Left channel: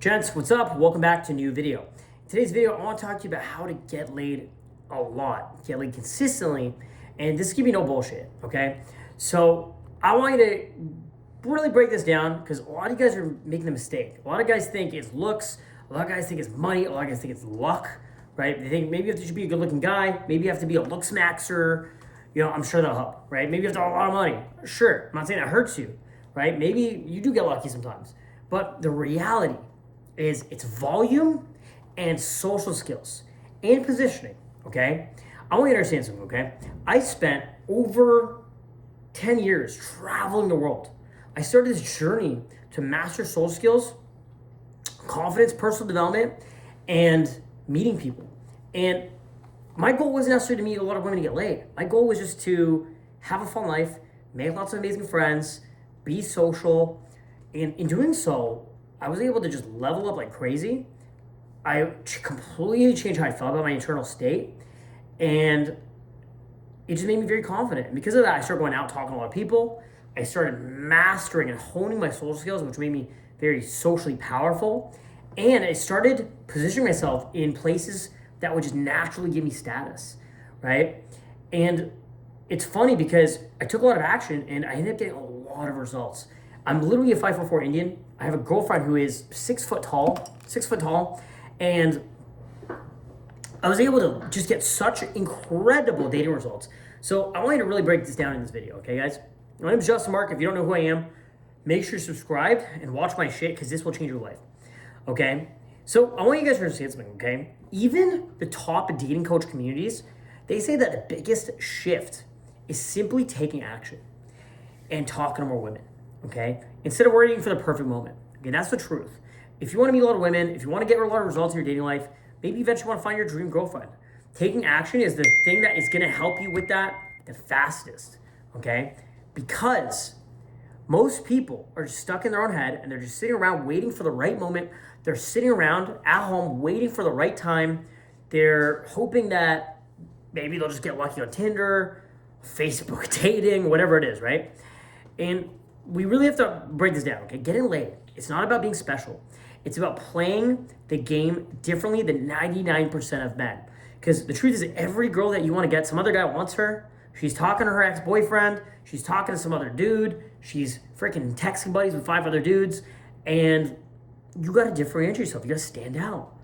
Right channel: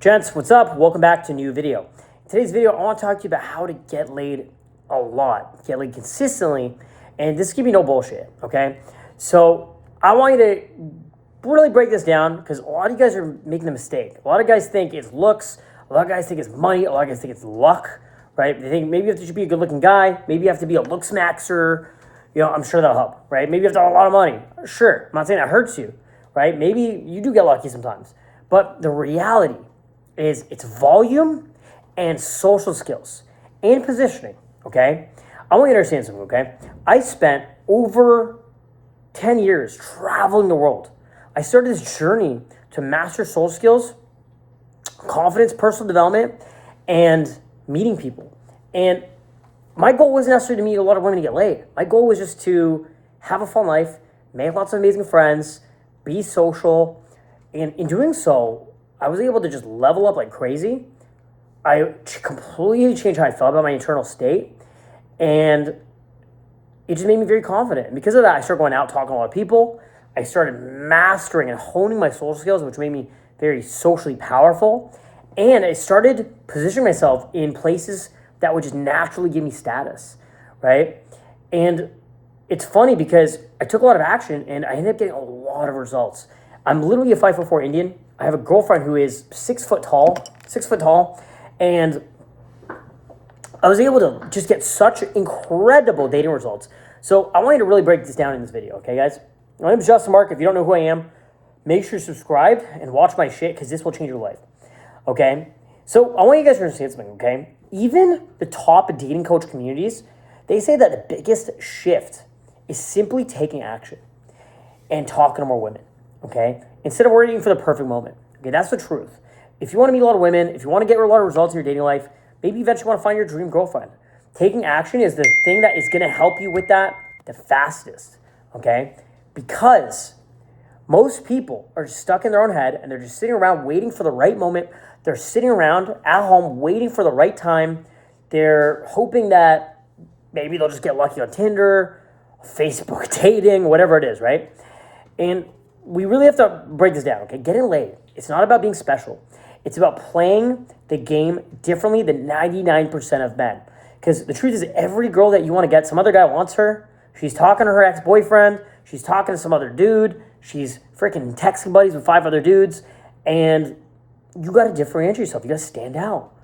Gents, what's up? Welcome back to a new video. In today's video, I want to talk to you about how to get laid a lot, get laid consistently, and this is gonna be no bullshit, okay? So I want you to really break this down because a lot of you guys are making a mistake. A lot of guys think it's looks, a lot of guys think it's money, a lot of guys think it's luck, right? They think maybe you have to be a good-looking guy, maybe you have to be a looks maxer, I'm sure that'll help, right? Maybe you have to have a lot of money. Sure, I'm not saying that hurts you, right? Maybe you do get lucky sometimes, but the reality is it's volume and social skills and positioning, okay? I want you to understand something, okay? I spent over 10 years traveling the world. I started this journey to master social skills, confidence, personal development, and meeting people. And my goal wasn't necessarily to meet a lot of women to get laid. My goal was just to have a fun life, make lots of amazing friends, be social, and in doing so, I was able to just level up like crazy. I completely changed how I felt about my internal state, and it just made me very confident. And because of that, I started going out, talking to a lot of people. I started mastering and honing my social skills, which made me very socially powerful. And I started positioning myself in places that would just naturally give me status, right? And it's funny because I took a lot of action and I ended up getting a lot of results. I'm literally a 5'4" Indian. I have a girlfriend who is 6 foot tall, and I was able to just get such incredible dating results. So I want you to really break this down in this video, okay, guys? My name is Justin Mark. If you don't know who I am, make sure you subscribe and watch my shit because this will change your life, okay? So I want you guys to understand something, okay? Even the top dating coach communities, they say that the biggest shift is simply taking action and talking to more women, okay? Instead of waiting for the perfect moment, okay? That's the truth. If you want to meet a lot of women, if you want to get a lot of results in your dating life, maybe eventually want to find your dream girlfriend. Taking action is the thing that is going to help you with that the fastest, okay? Because most people are just stuck in their own head and they're just sitting around waiting for the right moment. They're sitting around at home waiting for the right time. They're hoping that maybe they'll just get lucky on Tinder, Facebook dating, whatever it is, right? And we really have to break this down, okay? Getting laid, it's not about being special. It's about playing the game differently than 99% of men. Because the truth is every girl that you want to get, some other guy wants her. She's talking to her ex-boyfriend. She's talking to some other dude. She's freaking texting buddies with 5 other dudes. And you got to differentiate yourself. You got to stand out.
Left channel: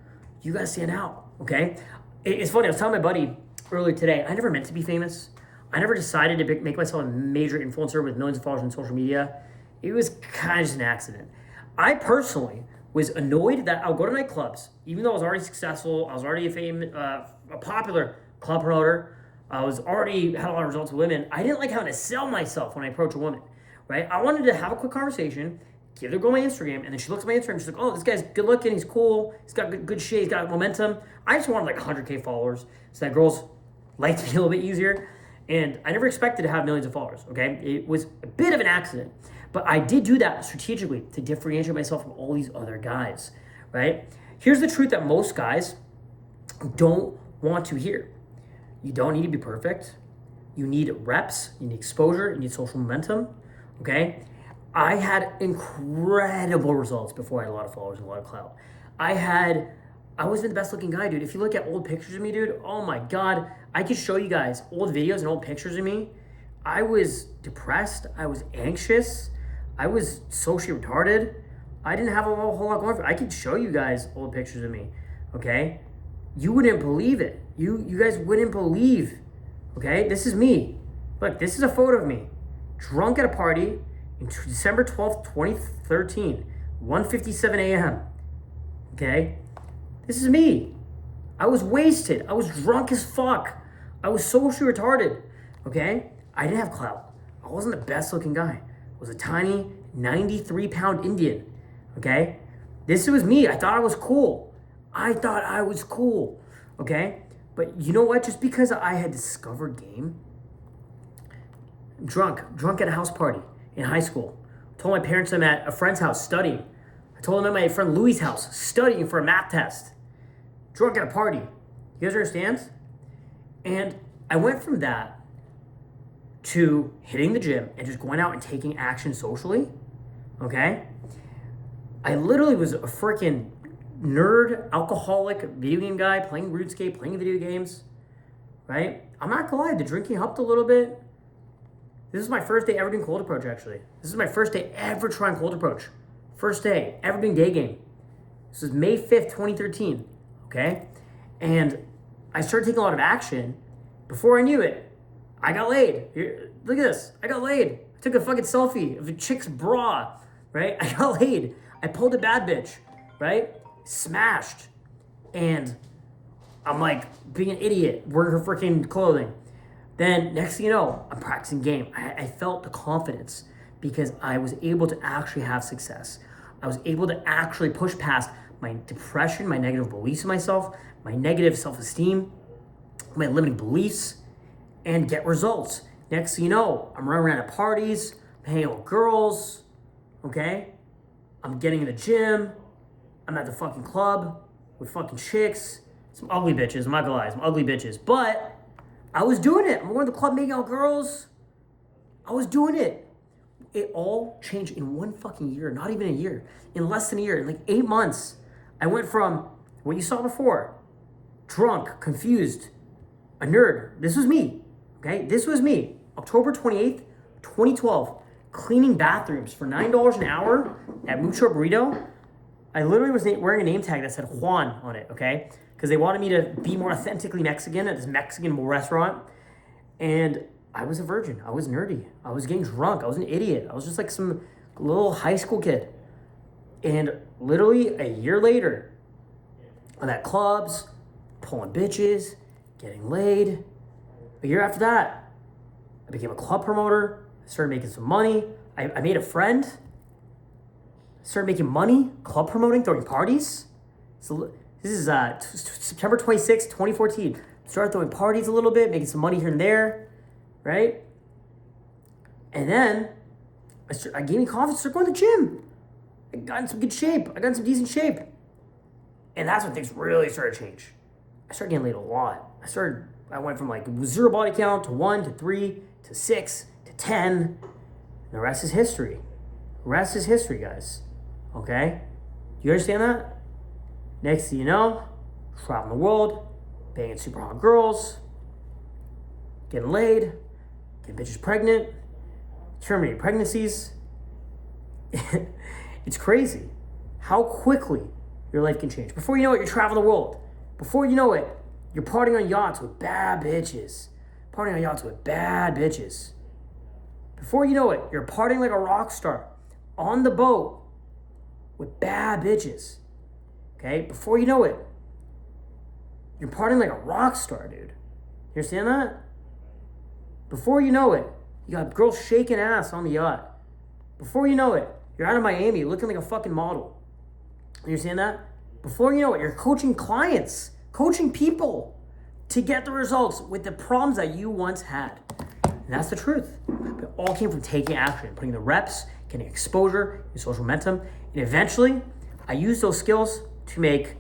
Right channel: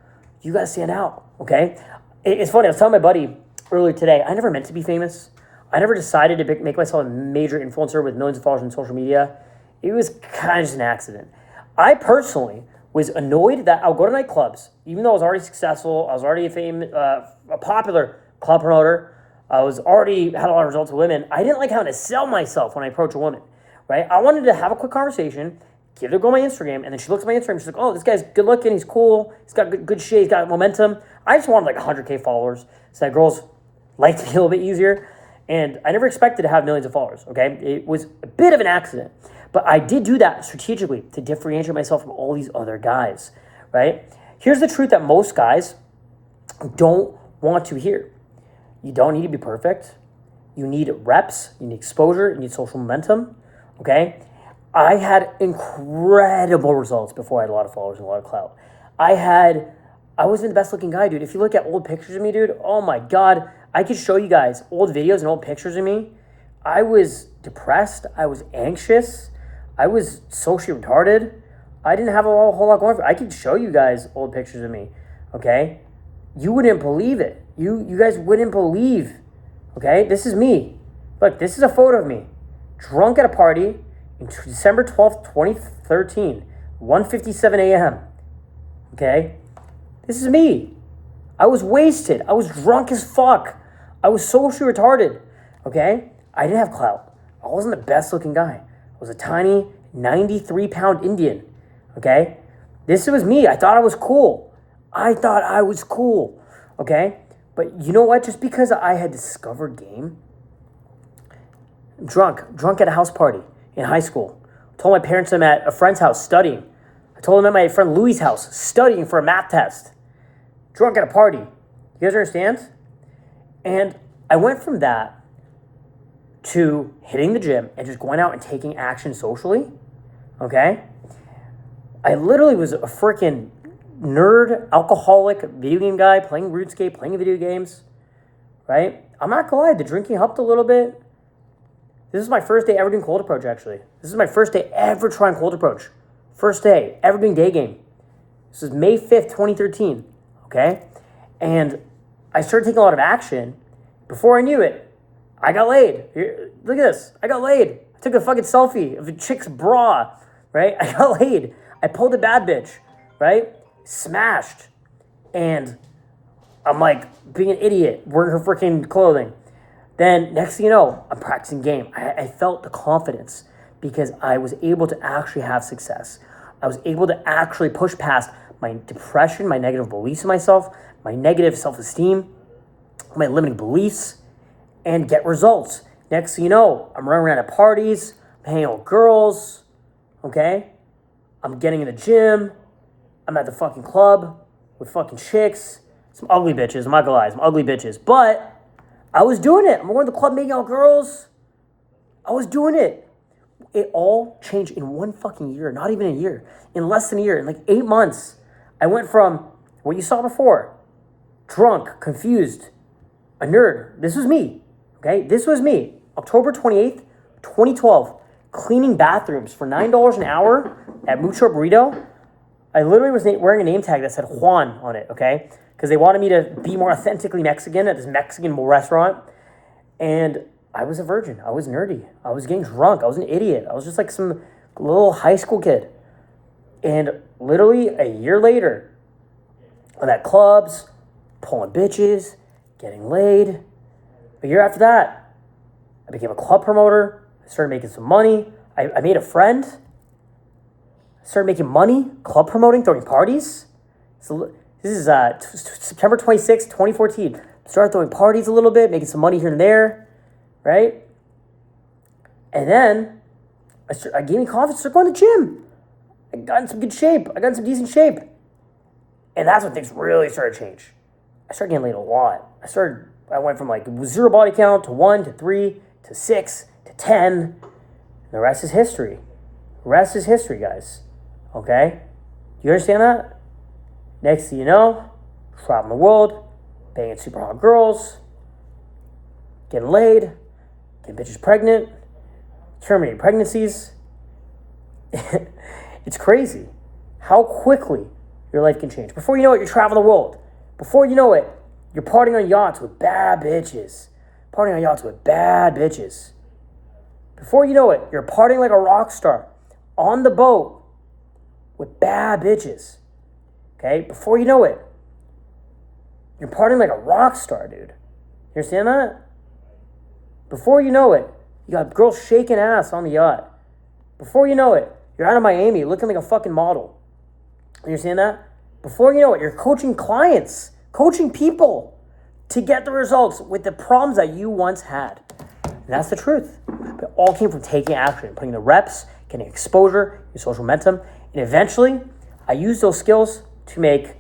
You got to stand out, okay? It's funny. I was telling my buddy earlier today, I never meant to be famous. I never decided to make myself a major influencer with millions of followers on social media. It was kind of just an accident. I personally was annoyed that I would go to nightclubs, even though I was already successful. I was already a popular club promoter. I was already had a lot of results with women. I didn't like having to sell myself when I approach a woman, right? I wanted to have a quick conversation, give the girl my Instagram, and then she looks at my Instagram. She's like, oh, this guy's good looking. He's cool. He's got good shit. He's got momentum. I just wanted like 100K followers so that girls liked me a little bit easier. And I never expected to have millions of followers, okay? It was a bit of an accident. But I did do that strategically to differentiate myself from all these other guys, right? Here's the truth that most guys don't want to hear. You don't need to be perfect. You need reps, you need exposure, you need social momentum, okay? I had incredible results before I had a lot of followers and a lot of clout. I wasn't the best looking guy, dude. If you look at old pictures of me, dude, oh my God, I could show you guys old videos and old pictures of me. I was depressed. I was anxious. I was socially retarded. I didn't have a whole lot going for me. I could show you guys old pictures of me, okay? You wouldn't believe it. You guys wouldn't believe, okay? This is me. Look, this is a photo of me. Drunk at a party in December 12th, 2013, 1:57 a.m., okay? This is me. I was wasted. I was drunk as fuck. I was socially retarded, okay? I didn't have clout. I wasn't the best looking guy. I was a tiny 93-pound Indian, okay? This was me. I thought I was cool. Okay? But you know what? Just because I had discovered game, drunk at a house party in high school. I told my parents I'm at a friend's house studying. I told them I'm at my friend Louis' house studying for a math test. Drunk at a party. You guys understand? And I went from that to hitting the gym and just going out and taking action socially, okay? I literally was a freaking nerd, alcoholic, video game guy, playing RuneScape, playing video games, right? I'm not gonna lie, the drinking helped a little bit. This is my first day ever doing cold approach, actually. This is my first day ever trying cold approach. First day ever doing day game. This is May 5th, 2013, okay? And I started taking a lot of action. Before I knew it, I got laid. Here, look at this. I got laid. I took a fucking selfie of a chick's bra, right? I got laid. I pulled a bad bitch, right? Smashed. And I'm like being an idiot, wearing her freaking clothing. Then next thing you know, I'm practicing game. I felt the confidence because I was able to actually have success. I was able to actually push past my depression, my negative beliefs in myself, my negative self-esteem, my limiting beliefs, and get results. Next thing you know, I'm running around at parties, I'm hanging out with girls, okay? I'm getting in the gym, I'm at the fucking club with fucking chicks, some ugly bitches, I'm not gonna lie, some ugly bitches, but I was doing it. I'm going to the club making out girls. I was doing it. It all changed in one fucking year, not even a year, in less than a year, in like 8 months. I went from what you saw before, drunk, confused, a nerd. This was me, okay? This was me. October 28th, 2012, cleaning bathrooms for $9 an hour at Mucho Burrito. I literally was wearing a name tag that said Juan on it, okay? Because they wanted me to be more authentically Mexican at this Mexican restaurant. And I was a virgin. I was nerdy. I was getting drunk. I was an idiot. I was just like some little high school kid. And literally a year later, I'm at clubs, pulling bitches, getting laid. A year after that, I became a club promoter. I started making some money. I made a friend. I started making money, club promoting, throwing parties. So this is September 26, 2014. Started throwing parties a little bit, making some money here and there, right? And then I gained me confidence, started going to the gym. I got in some good shape. I got in some decent shape. And that's when things really started to change. I started getting laid a lot. I went from like 0 body count to 1 to 3 to 6 to 10. And the rest is history. The rest is history, guys. Okay? Do you understand that? Next thing you know, traveling the world, banging super hot girls, getting laid, getting bitches pregnant, terminating pregnancies. It's crazy how quickly your life can change. Before you know it, you're traveling the world. Before you know it, you're partying on yachts with bad bitches. Partying on yachts with bad bitches. Before you know it, you're partying like a rock star on the boat with bad bitches. Okay? Before you know it, you're partying like a rock star, dude. You understand that? Before you know it, you got girls shaking ass on the yacht. Before you know it, you're out of Miami looking like a fucking model. You understand that? Before you know it, you're coaching clients, coaching people to get the results with the problems that you once had. And that's the truth. It all came from taking action, putting the reps, getting exposure, your social momentum, and eventually, I used those skills to make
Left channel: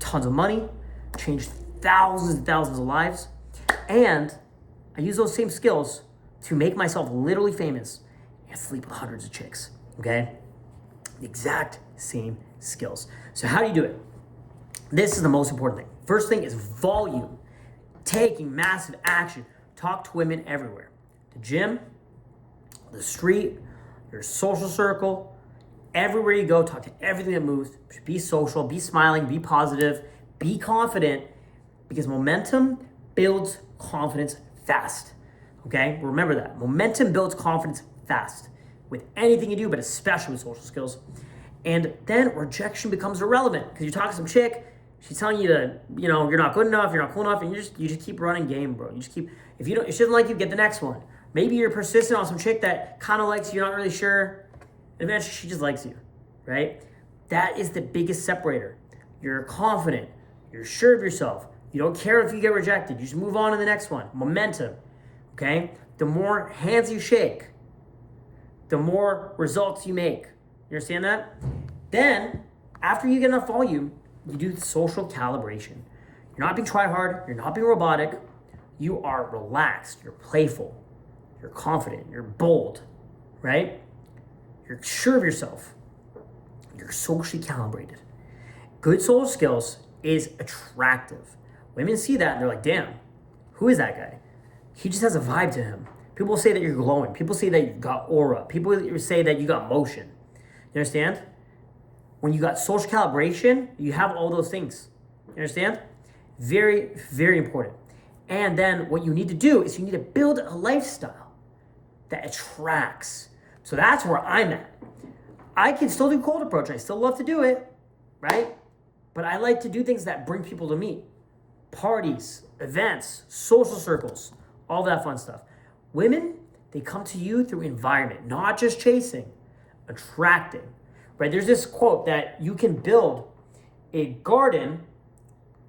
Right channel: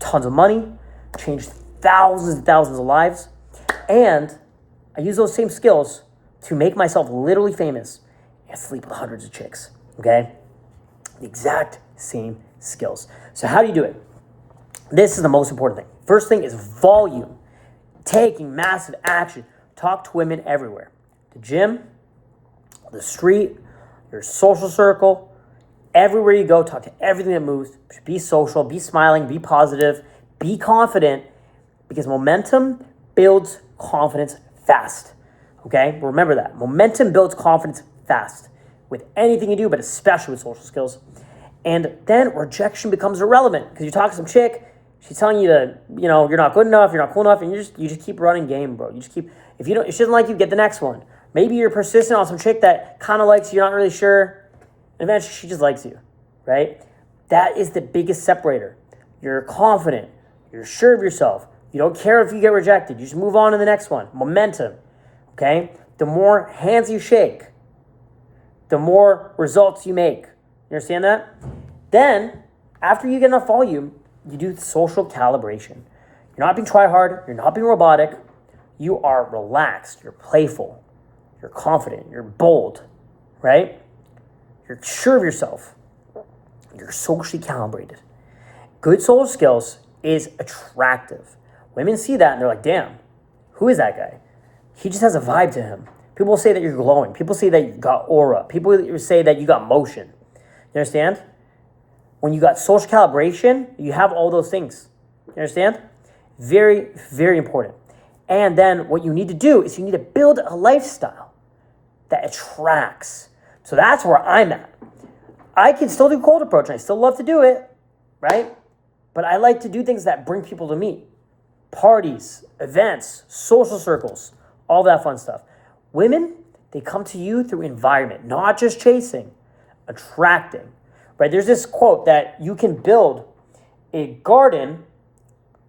tons of money, change thousands and thousands of lives, and I use those same skills to make myself literally famous and sleep with hundreds of chicks, okay? The exact same skills. So how do you do it? This is the most important thing. First thing is volume. Taking massive action. Talk to women everywhere. The gym, the street, your social circle, everywhere you go, talk to everything that moves. Be social, be smiling, be positive, be confident, because momentum builds confidence fast. Okay? Remember that. Momentum builds confidence fast with anything you do, but especially with social skills. And then rejection becomes irrelevant because you talk to some chick, she's telling you to, you're not good enough, you're not cool enough, and you just keep running game, bro. You just keep, if she doesn't like you, get the next one. Maybe you're persistent on some chick that kind of likes you, you're not really sure. And eventually she just likes you, right? That is the biggest separator. You're confident. You're sure of yourself. You don't care if you get rejected. You just move on to the next one. Momentum, okay? The more hands you shake, the more results you make. You understand that? Then, after you get enough volume, you do social calibration. You're not being try-hard. You're not being robotic. You are relaxed. You're playful. You're confident. You're bold, right? You're sure of yourself. you're socially calibrated. Good social skills is attractive. Women see that and they're like, damn, who is that guy? He just has a vibe to him. People say that you're glowing. People say that you got aura. People say that you got motion. You understand? When you got social calibration, you have all those things. You understand? Very, very important. And then what you need to do is you need to build a lifestyle that attracts. So that's where I'm at. I can still do cold approach and I still love to do it, right? But I like to do things that bring people to me. Parties, events, social circles, all that fun stuff. Women, they come to you through environment, not just chasing, attracting, right? There's this quote that you can build a garden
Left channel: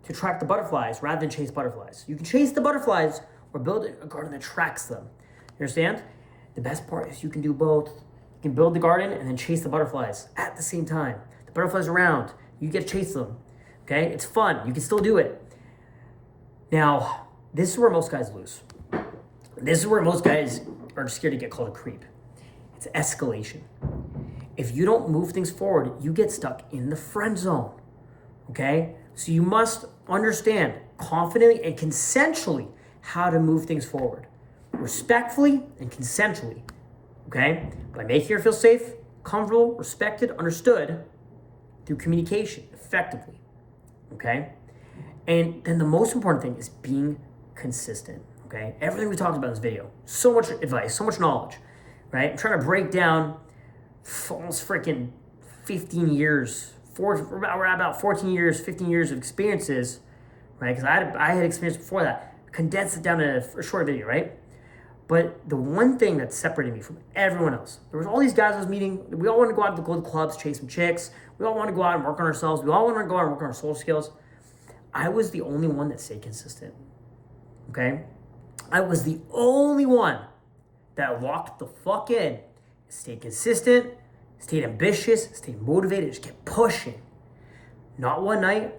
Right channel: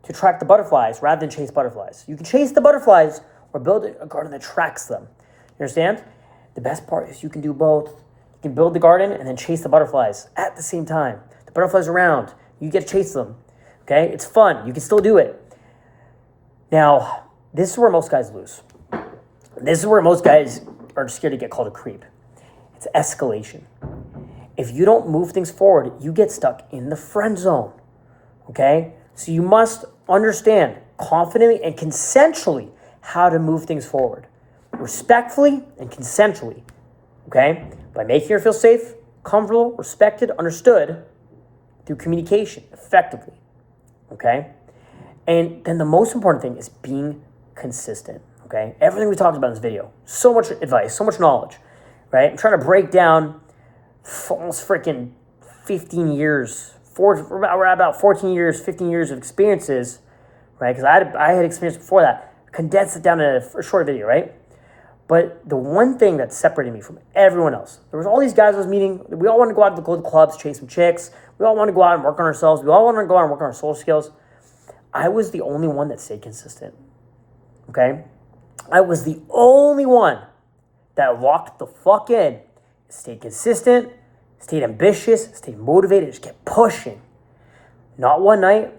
to attract the butterflies rather than chase butterflies. You can chase the butterflies or build a garden that attracts them. You understand? The best part is you can do both. You can build the garden and then chase the butterflies at the same time. The butterflies are around. You get to chase them. Okay? It's fun. You can still do it. Now, this is where most guys lose. This is where most guys are scared to get called a creep. It's escalation. If you don't move things forward, you get stuck in the friend zone. Okay? So you must understand confidently and consensually how to move things forward. Respectfully and consensually. Okay? By making her feel safe, comfortable, respected, understood through communication effectively. Okay? And then the most important thing is being consistent. Okay? Everything we talked about in this video. So much advice, so much knowledge. Right? I'm trying to break down almost freaking 15 years, about 14 years, 15 years of experiences, right? Because I had experience before that. Condense it down in a short video, right? But the one thing that separated me from everyone else, there was all these guys I was meeting. We all wanted to go out to the clubs, chase some chicks. We all wanted to go out and work on ourselves. We all wanted to go out and work on our social skills. I was the only one that stayed consistent, okay? I was the only one that locked the fuck in, stayed consistent, stayed ambitious, stayed motivated, just kept pushing. Not one night,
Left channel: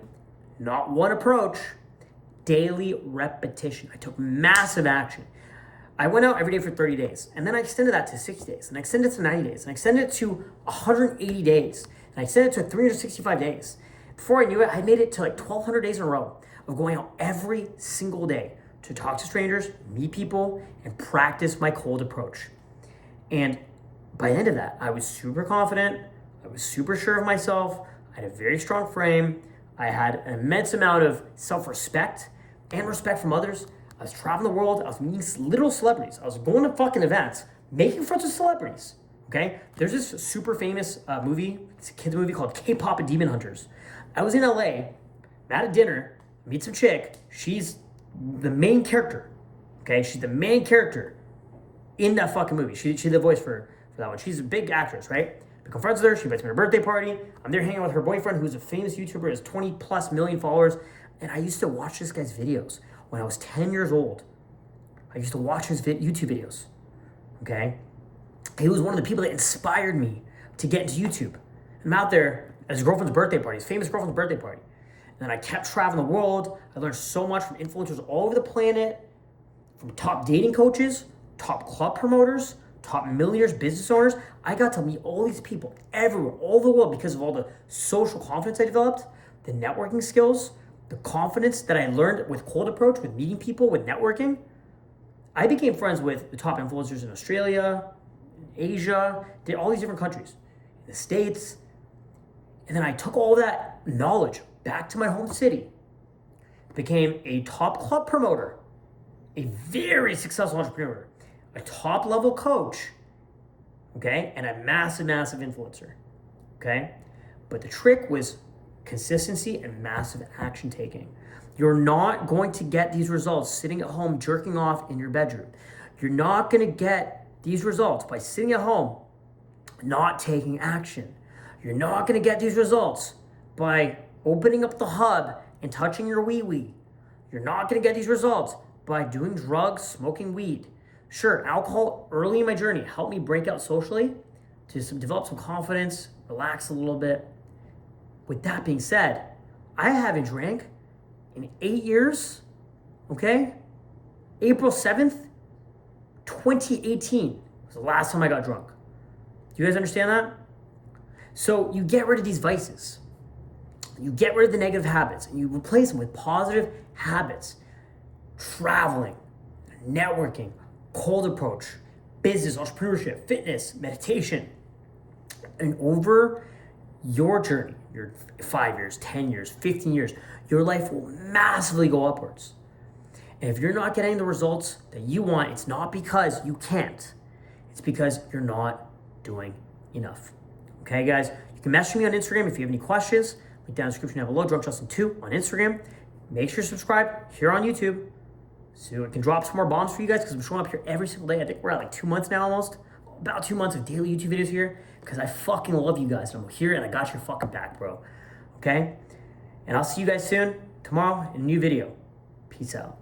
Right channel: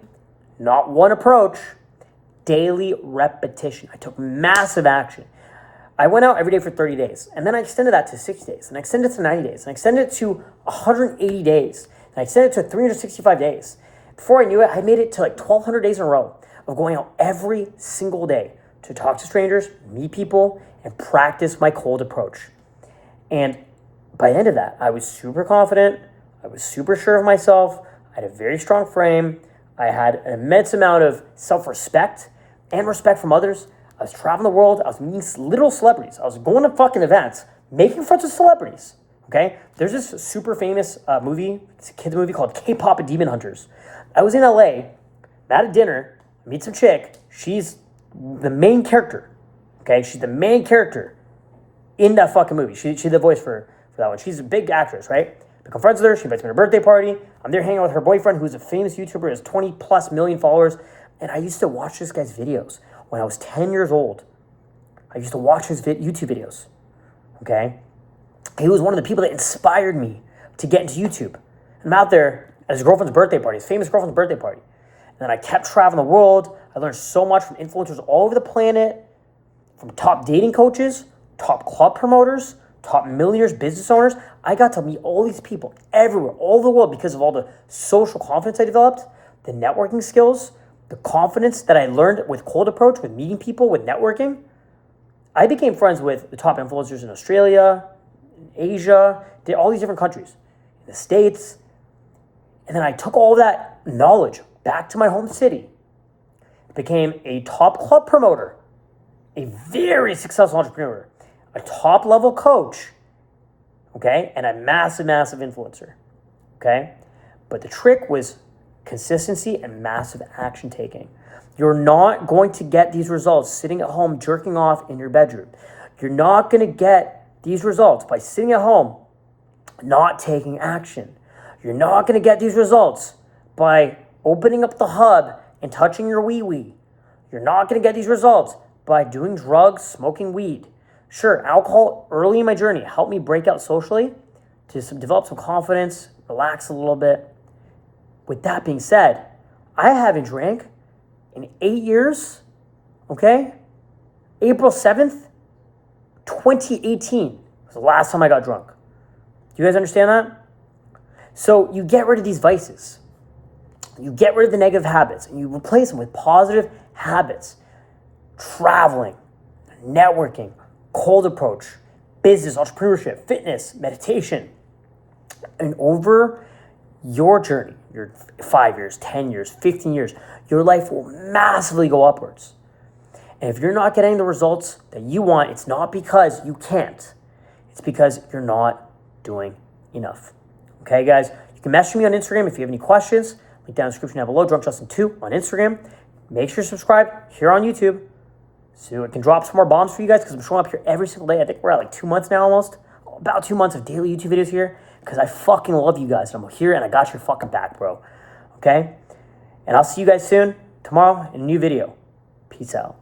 not one approach, daily repetition. I took massive action. I went out every day for 30 days, and then I extended that to 60 days, and I extended it to 90 days, and I extended it to 180 days, and I extended it to 365 days. Before I knew it, I made it to like 1,200 days in a row of going out every single day to talk to strangers, meet people, and practice my cold approach. And by the end of that, I was super confident. I was super sure of myself. I had a very strong frame. I had an immense amount of self-respect and respect from others. I was traveling the world. I was meeting literal celebrities. I was going to fucking events, making friends with celebrities. Okay? There's this super famous movie. It's a kids movie called K-Pop and Demon Hunters. I was in LA, at a dinner, meet some chick. She's the main character. Okay? She's the main character in that fucking movie. She's the voice for that one. She's a big actress, right? Become friends with her. She invites me to her birthday party. I'm there hanging out with her boyfriend, who's a famous YouTuber, has 20 plus million followers. And I used to watch this guy's videos when I was 10 years old. I used to watch his YouTube videos, okay? He was one of the people that inspired me to get into YouTube. I'm out there at his girlfriend's birthday party, his famous girlfriend's birthday party. And then I kept traveling the world. I learned so much from influencers all over the planet, from top dating coaches, top club promoters, top millionaires, business owners. I got to meet all these people everywhere, all over the world, because of all the social confidence I developed, the networking skills, the confidence that I learned with cold approach, with meeting people, with networking. I became friends with the top influencers in Australia, in Asia, all these different countries, in the States. And then I took all that knowledge back to my home city, became a top club promoter, a very successful entrepreneur, a top level coach, okay, and a massive, massive influencer, okay? But the trick was consistency and massive action taking. You're not going to get these results sitting at home jerking off in your bedroom. You're not going to get these results by sitting at home not taking action. You're not going to get these results by opening up the hub and touching your wee-wee. You're not going to get these results by doing drugs, smoking weed. Sure, alcohol early in my journey helped me break out socially to develop some confidence, relax a little bit. With that being said, I haven't drank in 8 years, okay? April 7th, 2018 was the last time I got drunk. Do you guys understand that? So you get rid of these vices. You get rid of the negative habits and you replace them with positive habits. Traveling, networking, cold approach, business, entrepreneurship, fitness, meditation. And over your journey, your 5 years, 10 years, 15 years, your life will massively go upwards. And if you're not getting the results that you want, it's not because you can't. It's because you're not doing enough. Okay, guys? You can message me on Instagram if you have any questions. Link down in the description down below. DrunkJustin2 on Instagram. Make sure to subscribe here on YouTube so I can drop some more bombs for you guys because I'm showing up here every single day. I think we're at like 2 months now almost. About 2 months of daily YouTube videos here because I fucking love you guys. I'm here and I got your fucking back, bro. Okay? And I'll see you guys soon, tomorrow, in a new video. Peace out.